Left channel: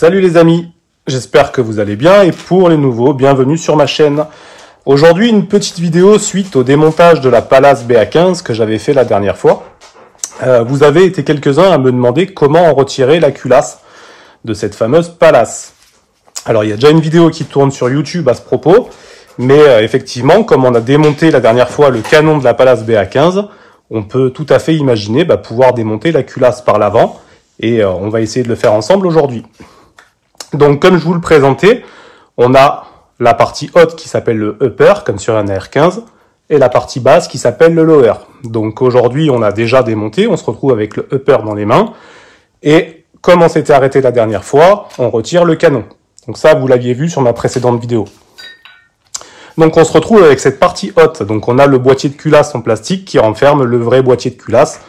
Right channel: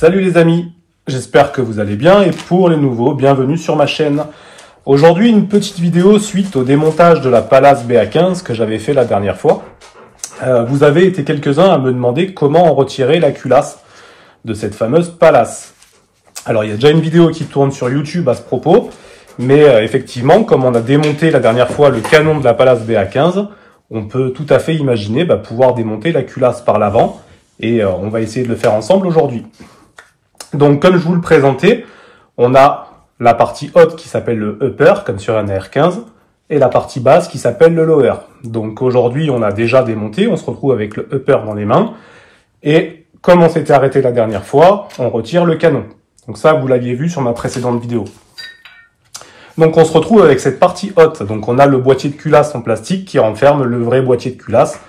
Salut les amis, j'espère que vous allez bien et pour les nouveaux, bienvenue sur ma chaîne. Aujourd'hui, une petite vidéo suite au démontage de la Pallas BA15 que j'avais fait la dernière fois. Vous avez été quelques-uns à me demander comment en retirer la culasse de cette fameuse Pallas. Alors, il y a déjà une vidéo qui tourne sur YouTube à ce propos, mais effectivement, comme on a démonté la dernière fois le canon de la Pallas BA15, on peut tout à fait imaginer pouvoir démonter la culasse par l'avant, et on va essayer de le faire ensemble aujourd'hui. Donc, comme je vous le présentais, on a la partie haute qui s'appelle le upper, comme sur un AR15, et la partie basse qui s'appelle le lower. Donc aujourd'hui, on a déjà démonté, on se retrouve avec le upper dans les mains, et comme on s'était arrêté la dernière fois, on retire le canon. Donc ça, vous l'aviez vu sur ma précédente vidéo. Donc on se retrouve avec cette partie haute. Donc on a le boîtier de culasse en plastique qui renferme le vrai boîtier de culasse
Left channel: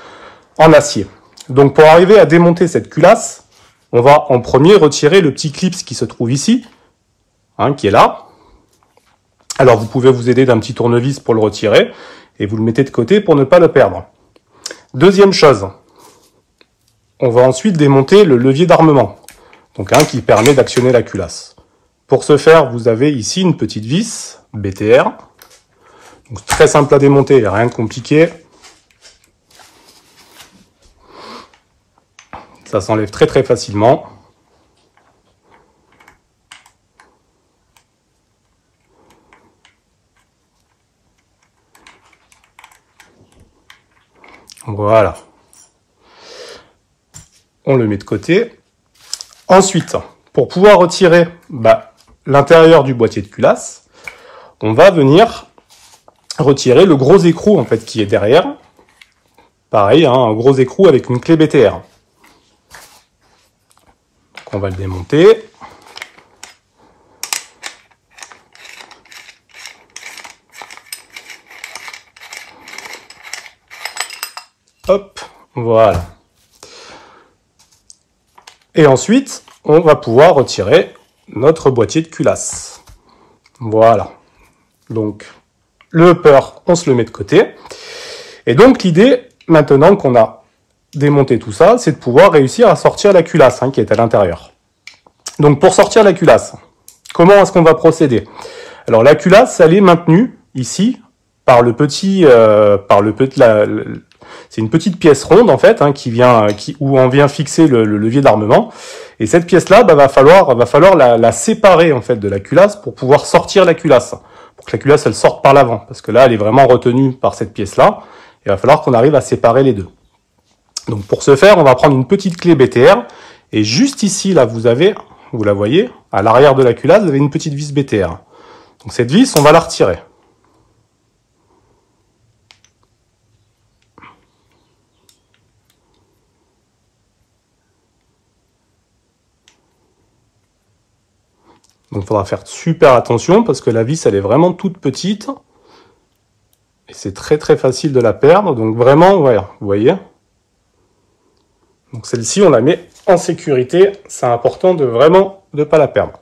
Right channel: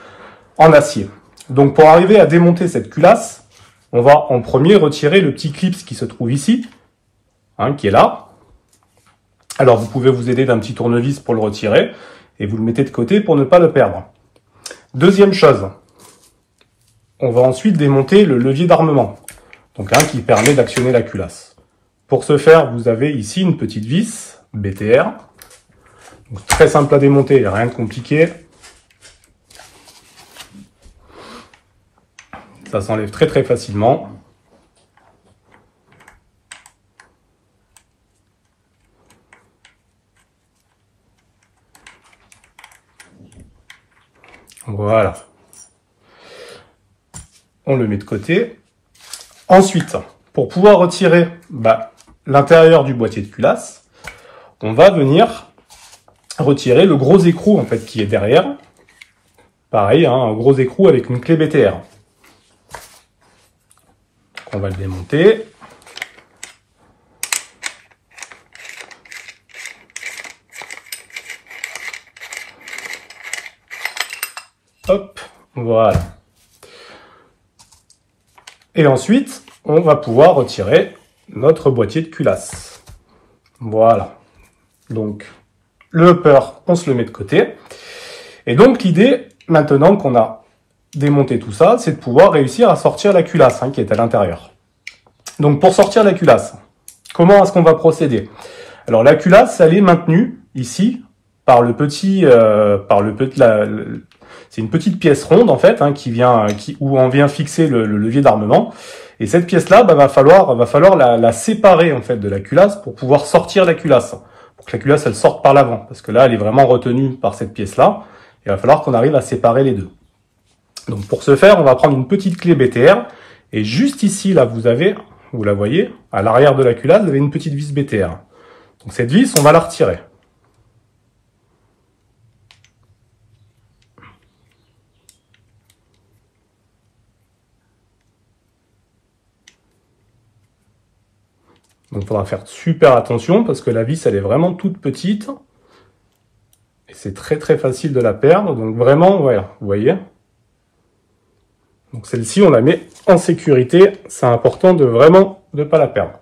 en acier. Donc pour arriver à démonter cette culasse, on va en premier retirer le petit clip qui se trouve ici, qui est là. Alors vous pouvez vous aider d'un petit tournevis pour le retirer, et vous le mettez de côté pour ne pas le perdre. Deuxième chose, on va ensuite démonter le levier d'armement, donc qui permet d'actionner la culasse. Pour ce faire, vous avez ici une petite vis BTR, donc très simple à démonter, il n'y a rien de compliqué. Ça s'enlève très facilement. Voilà. On le met de côté. Ensuite, pour pouvoir retirer l'intérieur du boîtier de culasse, on va venir retirer le gros écrou qui est derrière. Pareil, un gros écrou avec une clé BTR. On va le démonter. Hop, voilà. Et ensuite, on va pouvoir retirer notre boîtier de culasse. Voilà. Donc, le upper, on se le met de côté. Et donc, l'idée, maintenant qu'on a démonté tout ça, c'est de pouvoir réussir à sortir la culasse qui est à l'intérieur. Donc, pour sortir la culasse, comment est-ce qu'on va procéder? Alors, la culasse, elle est maintenue ici par le petit, c'est une petite pièce ronde où on vient fixer le levier d'armement. Et cette pièce-là, va falloir la séparer de la culasse pour pouvoir sortir la culasse, pour que la culasse elle sorte par l'avant, parce que là elle est vraiment retenue par cette pièce-là. Il va falloir qu'on arrive à séparer les deux. Donc pour ce faire, on va prendre une petite clé BTR et juste ici là vous la voyez, à l'arrière de la culasse, vous avez une petite vis BTR. Donc cette vis, on va la retirer. Donc il faudra faire super attention parce que la vis elle est vraiment toute petite et c'est très facile de la perdre. Donc vraiment, voilà, vous voyez. Donc celle-ci on la met en sécurité, c'est important de vraiment ne pas la perdre.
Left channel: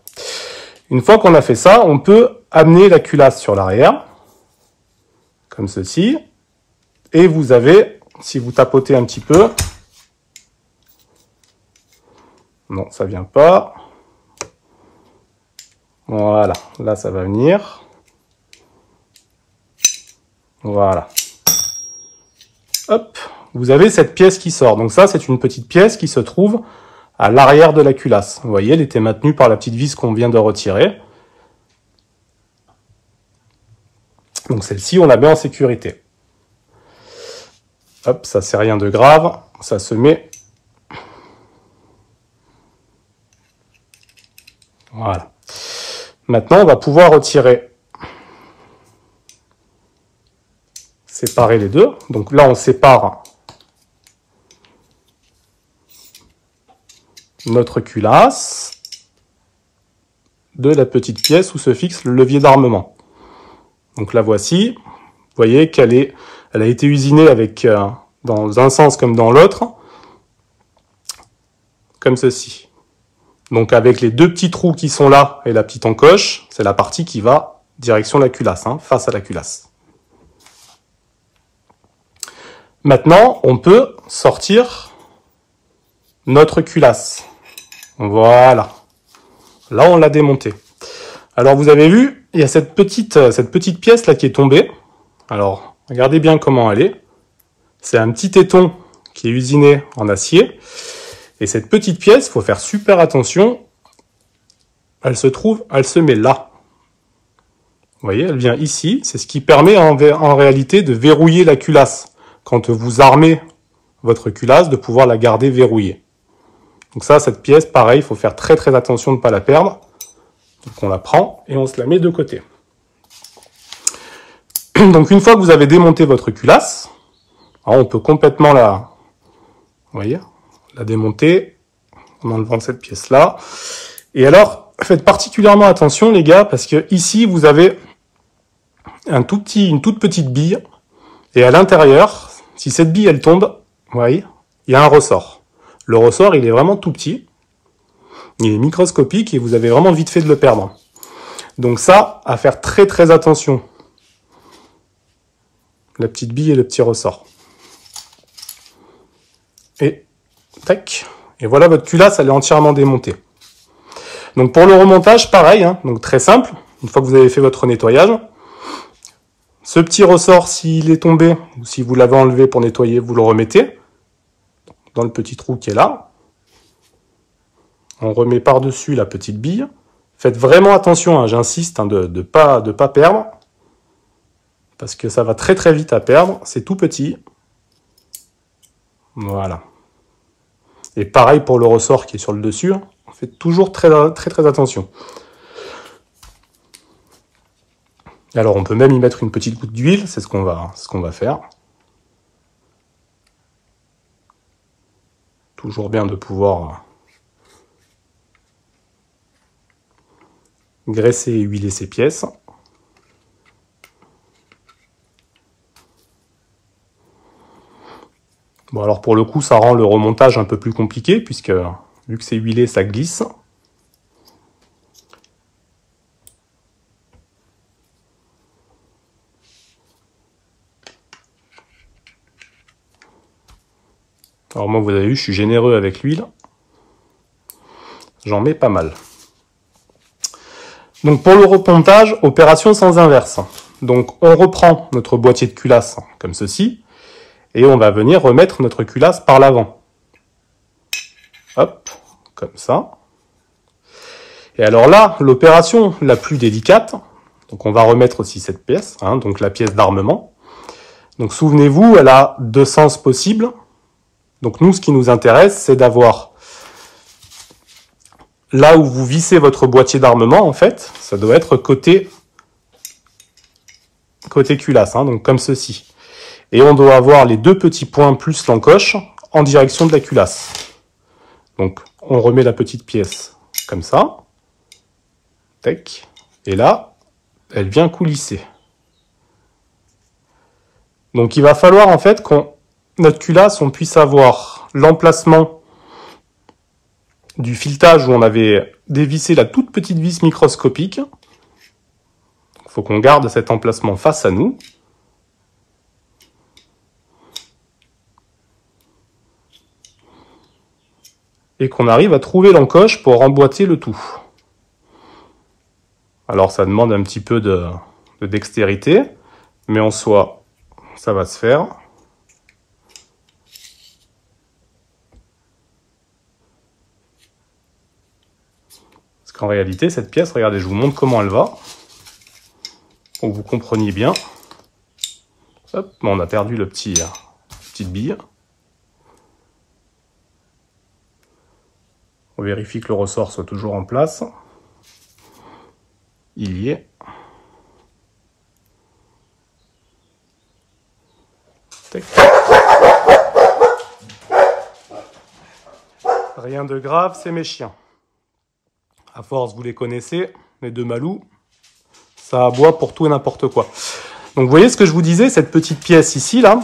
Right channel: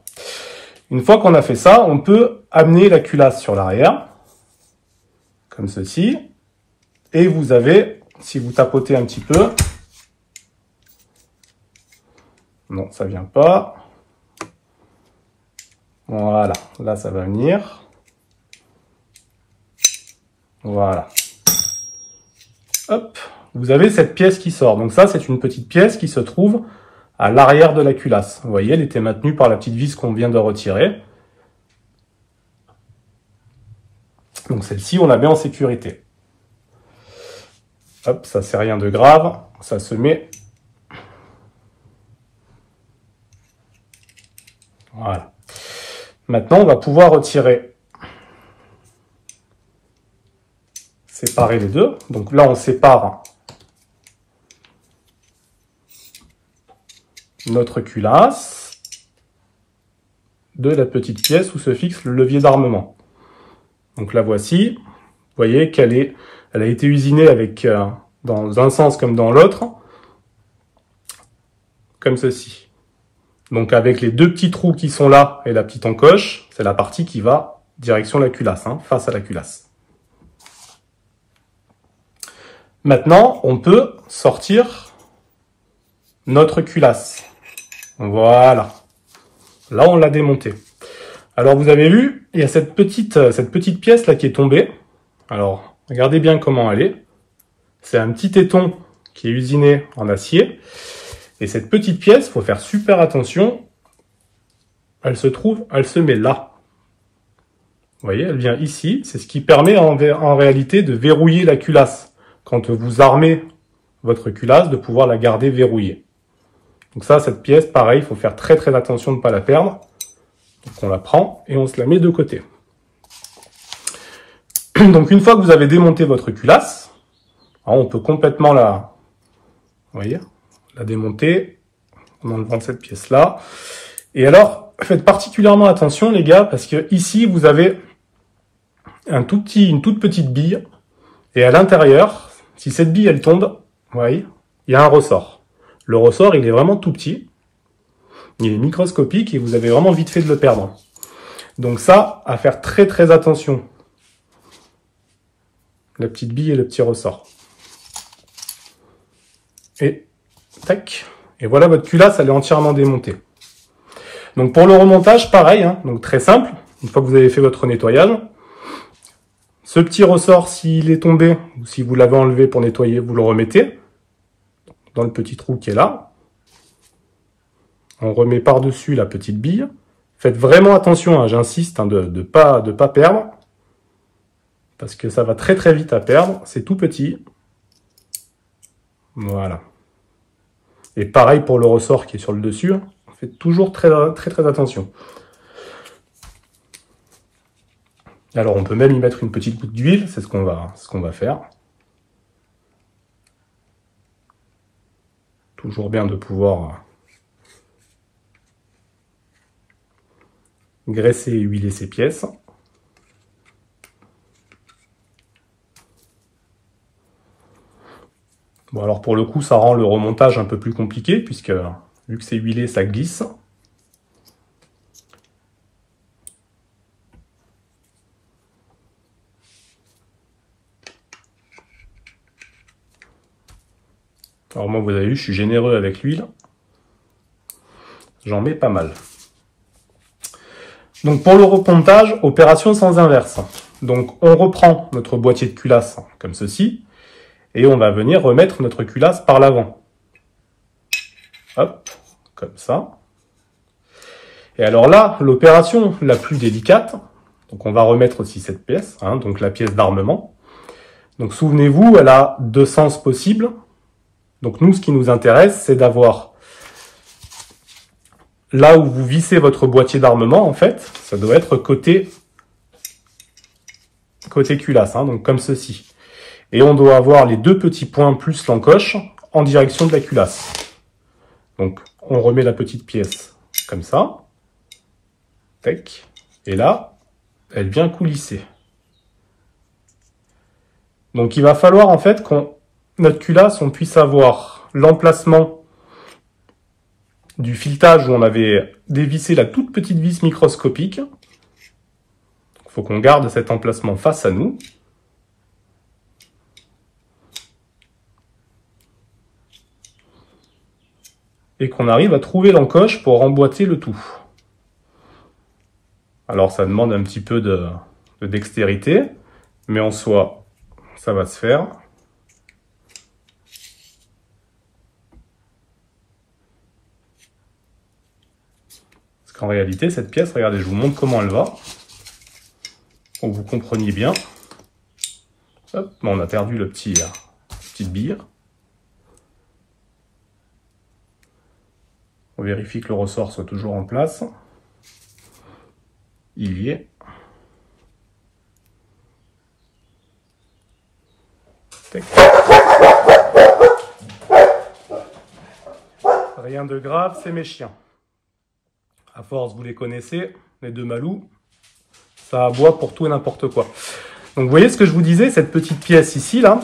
Une fois qu'on a fait ça, on peut amener la culasse sur l'arrière, comme ceci, et vous avez, si vous tapotez un petit peu, non ça vient pas. Voilà, là ça va venir. Voilà. Hop, vous avez cette pièce qui sort. Donc ça, c'est une petite pièce qui se trouve à l'arrière de la culasse. Vous voyez, elle était maintenue par la petite vis qu'on vient de retirer. Donc celle-ci, on la met en sécurité. Hop, ça c'est rien de grave, ça se met. Voilà. Maintenant, on va pouvoir retirer, séparer les deux. Donc là, on sépare notre culasse de la petite pièce où se fixe le levier d'armement. Donc la voici. Vous voyez qu'elle a été usinée dans un sens comme dans l'autre, comme ceci. Donc avec les deux petits trous qui sont là et la petite encoche, c'est la partie qui va direction la culasse, face à la culasse. Maintenant, on peut sortir notre culasse. Voilà. Là, on l'a démonté. Alors, vous avez vu, il y a cette petite pièce là qui est tombée. Alors, regardez bien comment elle est. C'est un petit téton qui est usiné en acier. Et cette petite pièce, il faut faire super attention. Elle se met là. Vous voyez, elle vient ici. C'est ce qui permet en réalité de verrouiller la culasse. Quand vous armez votre culasse, de pouvoir la garder verrouillée. Donc ça, cette pièce, pareil, il faut faire très très attention de ne pas la perdre. Donc on la prend et on se la met de côté. Donc une fois que vous avez démonté votre culasse, on peut complètement la démonter en enlevant cette pièce-là. Et alors, faites particulièrement attention les gars, parce que ici vous avez une toute petite bille, et à l'intérieur, si cette bille elle tombe, vous voyez, il y a un ressort. Le ressort, il est vraiment tout petit, il est microscopique et vous avez vraiment vite fait de le perdre. Donc ça, à faire très très attention. La petite bille et le petit ressort. Et tac. Et voilà, votre culasse, elle est entièrement démontée. Donc pour le remontage, pareil, hein, donc très simple. Une fois que vous avez fait votre nettoyage, ce petit ressort, s'il est tombé, ou si vous l'avez enlevé pour nettoyer, vous le remettez dans le petit trou qui est là. On remet par-dessus la petite bille. Faites vraiment attention, hein, j'insiste, hein, de pas perdre. Parce que ça va très très vite à perdre. C'est tout petit. Voilà. Et pareil pour le ressort qui est sur le dessus. On fait toujours très très attention. Alors on peut même y mettre une petite goutte d'huile. C'est ce qu'on va faire. Toujours bien de pouvoir graisser et huiler ces pièces. Bon alors pour le coup ça rend le remontage un peu plus compliqué puisque vu que c'est huilé ça glisse. Alors moi vous avez vu je suis généreux avec l'huile. J'en mets pas mal. Donc pour le remontage, opération sans inverse. Donc on reprend notre boîtier de culasse comme ceci. Et on va venir remettre notre culasse par l'avant. Hop, comme ça. Et alors là, l'opération la plus délicate, donc on va remettre aussi cette pièce, hein, donc la pièce d'armement. Donc souvenez-vous, elle a deux sens possibles. Donc nous, ce qui nous intéresse, c'est d'avoir là où vous vissez votre boîtier d'armement, en fait, ça doit être côté culasse, hein, donc comme ceci. Et on doit avoir les deux petits points plus l'encoche en direction de la culasse. Donc, on remet la petite pièce comme ça. Tac. Et là, elle vient coulisser. Donc, il va falloir en fait notre culasse, on puisse avoir l'emplacement du filetage où on avait dévissé la toute petite vis microscopique. Il faut qu'on garde cet emplacement face à nous. Et qu'on arrive à trouver l'encoche pour emboîter le tout. Alors ça demande un petit peu de dextérité, mais en soi, ça va se faire. Parce qu'en réalité, cette pièce, regardez, je vous montre comment elle va, pour que vous compreniez bien. Hop, on a perdu la petite bille. On vérifie que le ressort soit toujours en place. Il y est. Tac. Rien de grave, c'est mes chiens. À force, vous les connaissez, les deux Malous, ça aboie pour tout et n'importe quoi. Donc vous voyez ce que je vous disais, cette petite pièce ici, là,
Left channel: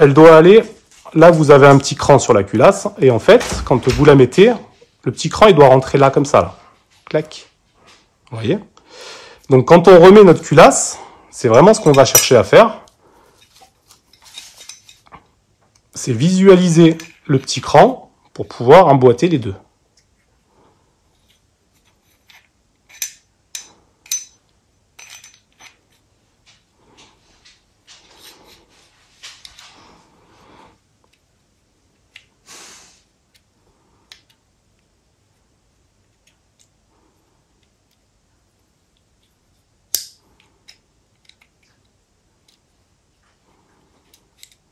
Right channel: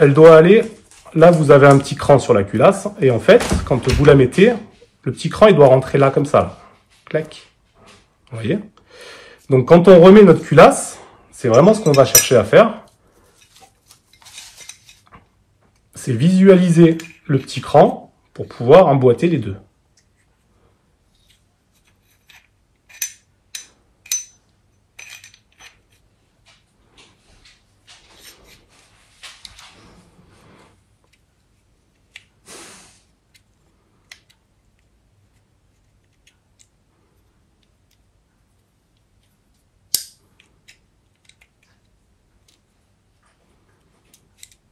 elle doit aller... Là, vous avez un petit cran sur la culasse, et en fait, quand vous la mettez... Le petit cran, il doit rentrer là, comme ça. Là. Clac. Vous voyez? Donc, quand on remet notre culasse, c'est vraiment ce qu'on va chercher à faire. C'est visualiser le petit cran pour pouvoir emboîter les deux.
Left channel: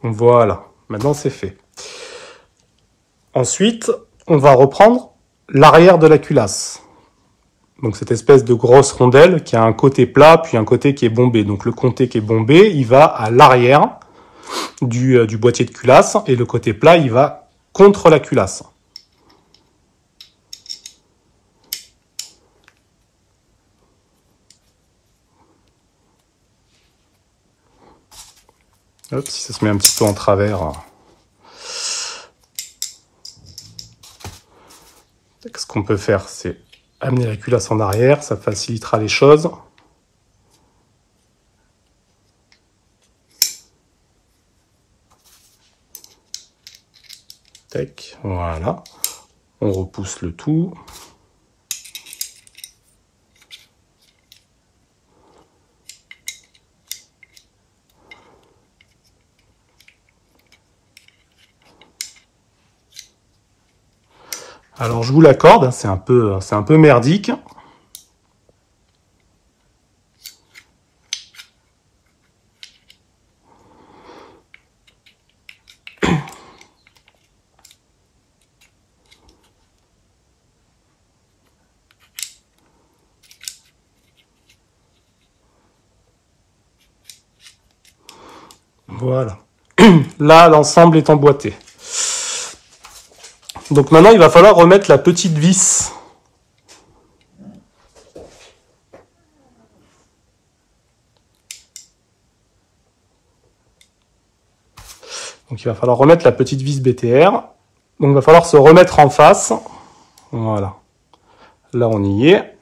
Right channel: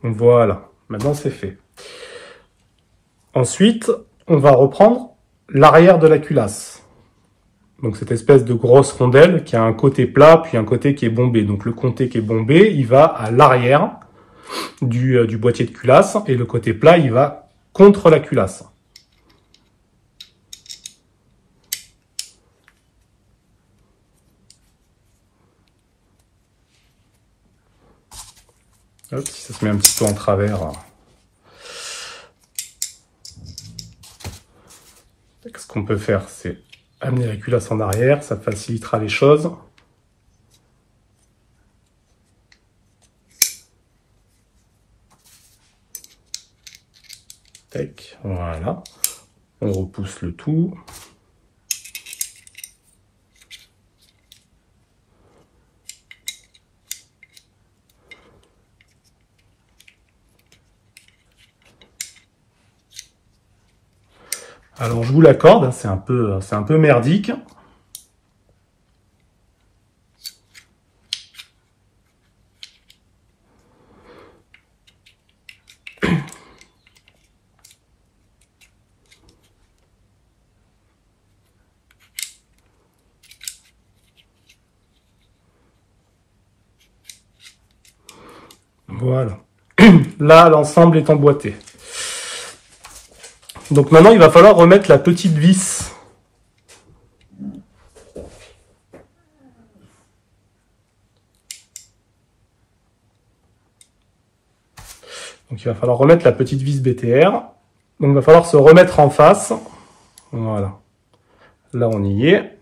Voilà, maintenant c'est fait. Ensuite, on va reprendre l'arrière de la culasse. Donc cette espèce de grosse rondelle qui a un côté plat puis un côté qui est bombé. Donc le côté qui est bombé, il va à l'arrière du boîtier de culasse et le côté plat, il va contre la culasse. Hop, si ça se met un petit peu en travers. Ce qu'on peut faire, c'est amener la culasse en arrière, ça facilitera les choses. Tac, voilà. On repousse le tout. Alors je vous l'accorde, c'est un peu merdique. Voilà. Là, l'ensemble est emboîté. Donc maintenant, il va falloir remettre la petite vis. Donc il va falloir remettre la petite vis BTR. Donc il va falloir se remettre en face. Voilà. Là, on y est.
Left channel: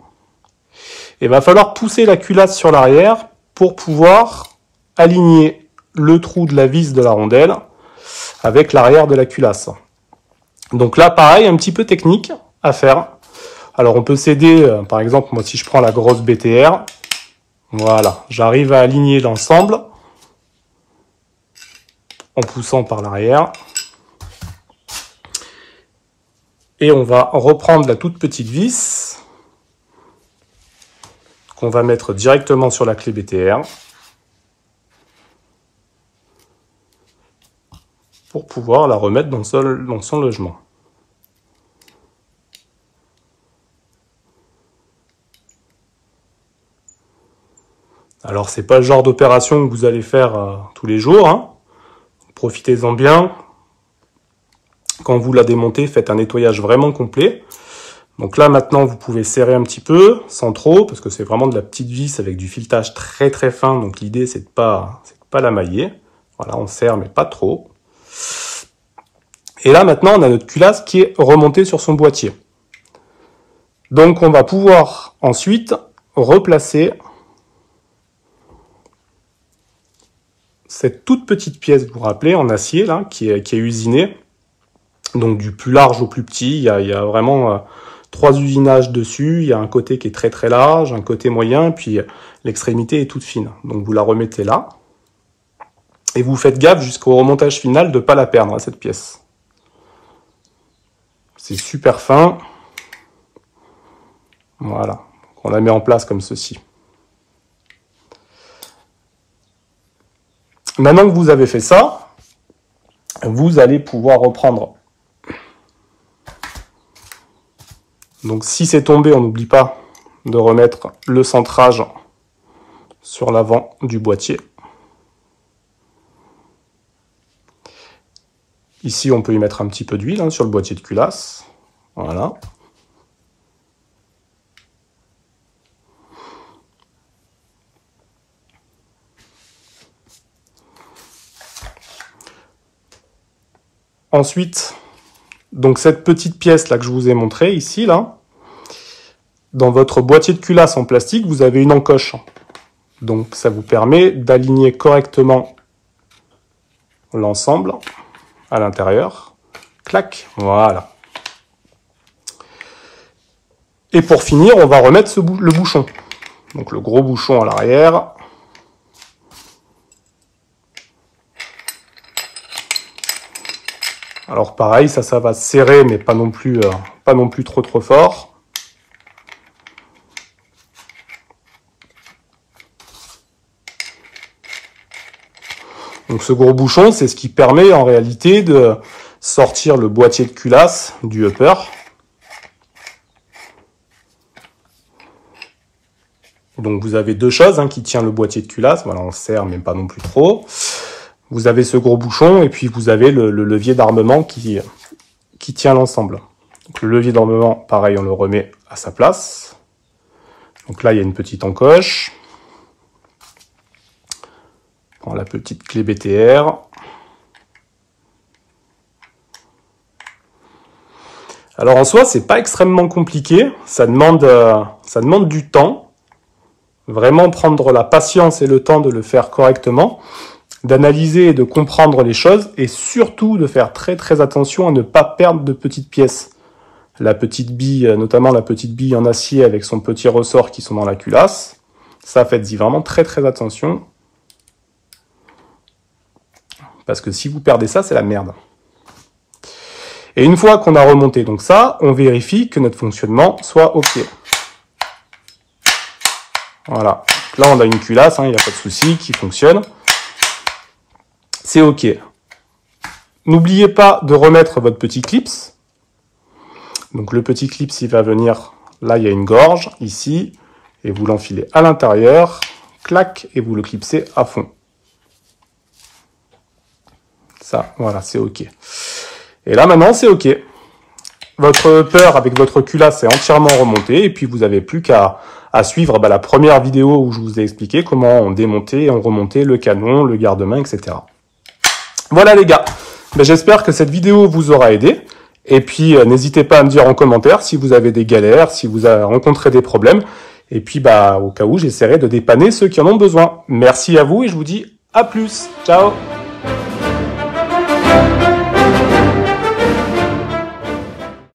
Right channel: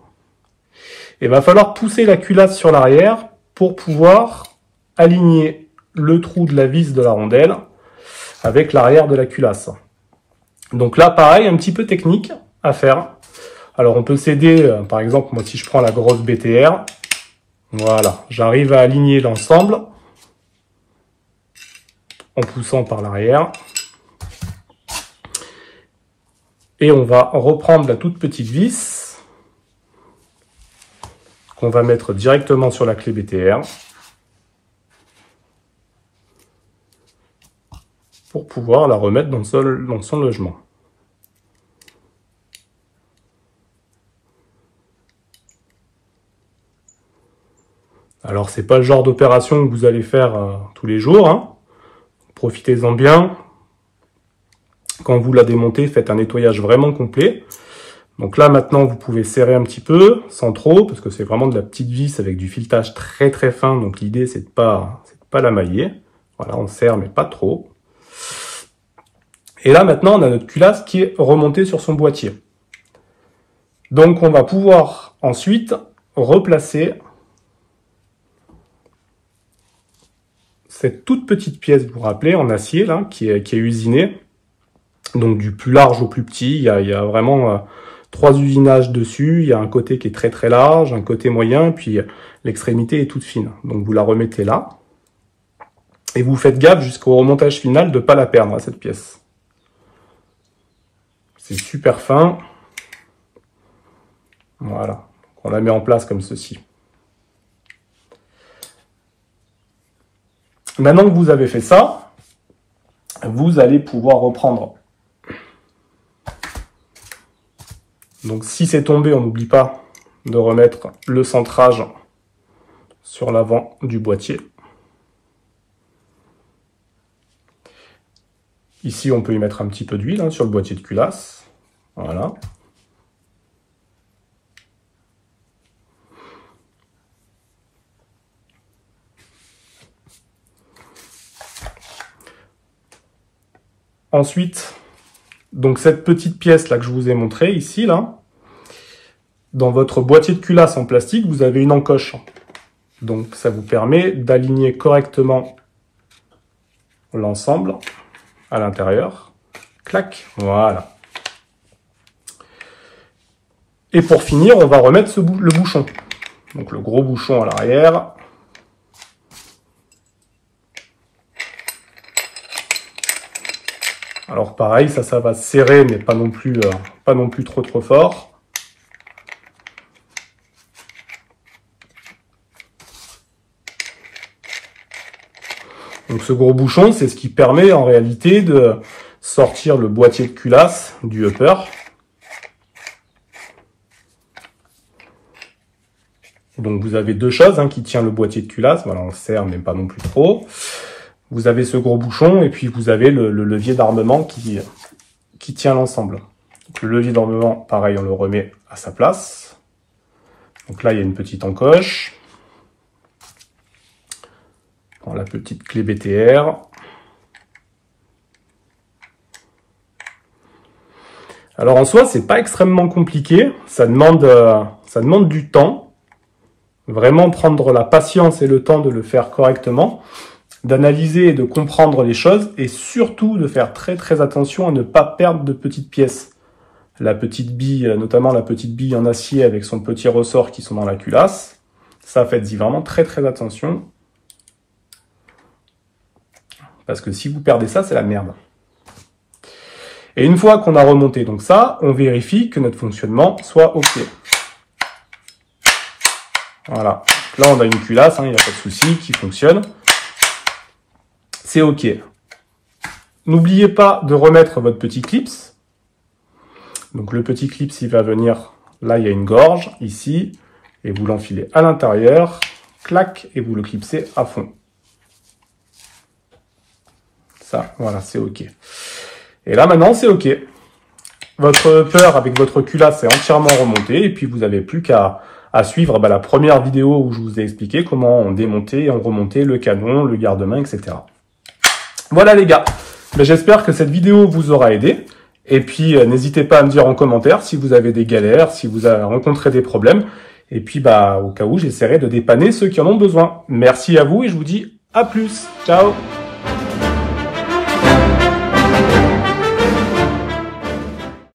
Et il va falloir pousser la culasse sur l'arrière pour pouvoir aligner le trou de la vis de la rondelle avec l'arrière de la culasse. Donc là, pareil, un petit peu technique à faire. Alors, on peut s'aider, par exemple, moi, si je prends la grosse BTR, voilà, j'arrive à aligner l'ensemble en poussant par l'arrière. Et on va reprendre la toute petite vis qu'on va mettre directement sur la clé BTR pour pouvoir la remettre dans son logement. Alors, c'est pas le genre d'opération que vous allez faire tous les jours, hein. Profitez-en bien. Quand vous la démontez, faites un nettoyage vraiment complet. Donc là, maintenant, vous pouvez serrer un petit peu, sans trop, parce que c'est vraiment de la petite vis avec du filetage très très fin. Donc l'idée, c'est de pas la mailler. Voilà, on serre, mais pas trop. Et là, maintenant, on a notre culasse qui est remontée sur son boîtier. Donc, on va pouvoir ensuite replacer cette toute petite pièce, vous vous rappelez, en acier, là, qui est usinée. Donc, du plus large au plus petit, il y a vraiment 3 usinages dessus. Il y a un côté qui est très très large, un côté moyen, puis l'extrémité est toute fine. Donc, vous la remettez là. Et vous faites gaffe jusqu'au remontage final de ne pas la perdre, cette pièce. C'est super fin. Voilà. On la met en place comme ceci. Maintenant que vous avez fait ça, vous allez pouvoir reprendre. Donc si c'est tombé, on n'oublie pas de remettre le centrage sur l'avant du boîtier. Ici, on peut y mettre un petit peu d'huile sur le boîtier de culasse. Voilà. Ensuite, donc cette petite pièce là que je vous ai montrée ici, là, dans votre boîtier de culasse en plastique, vous avez une encoche. Donc ça vous permet d'aligner correctement l'ensemble à l'intérieur. Clac, voilà. Et pour finir, on va remettre le bouchon. Donc le gros bouchon à l'arrière. Alors pareil, ça va serrer, mais pas non plus trop fort. Donc Donc ce gros bouchon, c'est ce qui permet en réalité de sortir le boîtier de culasse du upper. Donc vous avez deux choses qui tiennent le boîtier de culasse. Voilà, on serre, mais pas non plus trop. Vous avez ce gros bouchon et puis vous avez le levier d'armement qui tient l'ensemble. Le levier d'armement, pareil, on le remet à sa place. Donc là, il y a une petite encoche. On prend la petite clé BTR. Alors en soi, c'est pas extrêmement compliqué. Ça demande du temps. Vraiment prendre la patience et le temps de le faire correctement, d'analyser et de comprendre les choses, et surtout de faire très très attention à ne pas perdre de petites pièces. La petite bille, notamment la petite bille en acier avec son petit ressort qui sont dans la culasse, ça faites-y vraiment très très attention. Parce que si vous perdez ça, c'est la merde. Et une fois qu'on a remonté donc ça, on vérifie que notre fonctionnement soit OK. Voilà, là on a une culasse, il n'y a pas de souci, qui fonctionne. C'est OK. N'oubliez pas de remettre votre petit clips. Donc le petit clips, il va venir, là il y a une gorge, ici, et vous l'enfilez à l'intérieur, clac, et vous le clipsez à fond. Ça, voilà, c'est OK. Et là maintenant, c'est OK. Votre upper avec votre culasse est entièrement remonté, et puis vous n'avez plus qu'à suivre la première vidéo où je vous ai expliqué comment on démontait et on remontait le canon, le garde-main, etc. Voilà les gars, j'espère que cette vidéo vous aura aidé. Et puis n'hésitez pas à me dire en commentaire si vous avez des galères, si vous avez rencontré des problèmes. Et puis au cas où, j'essaierai de dépanner ceux qui en ont besoin. Merci à vous et je vous dis à plus. Ciao.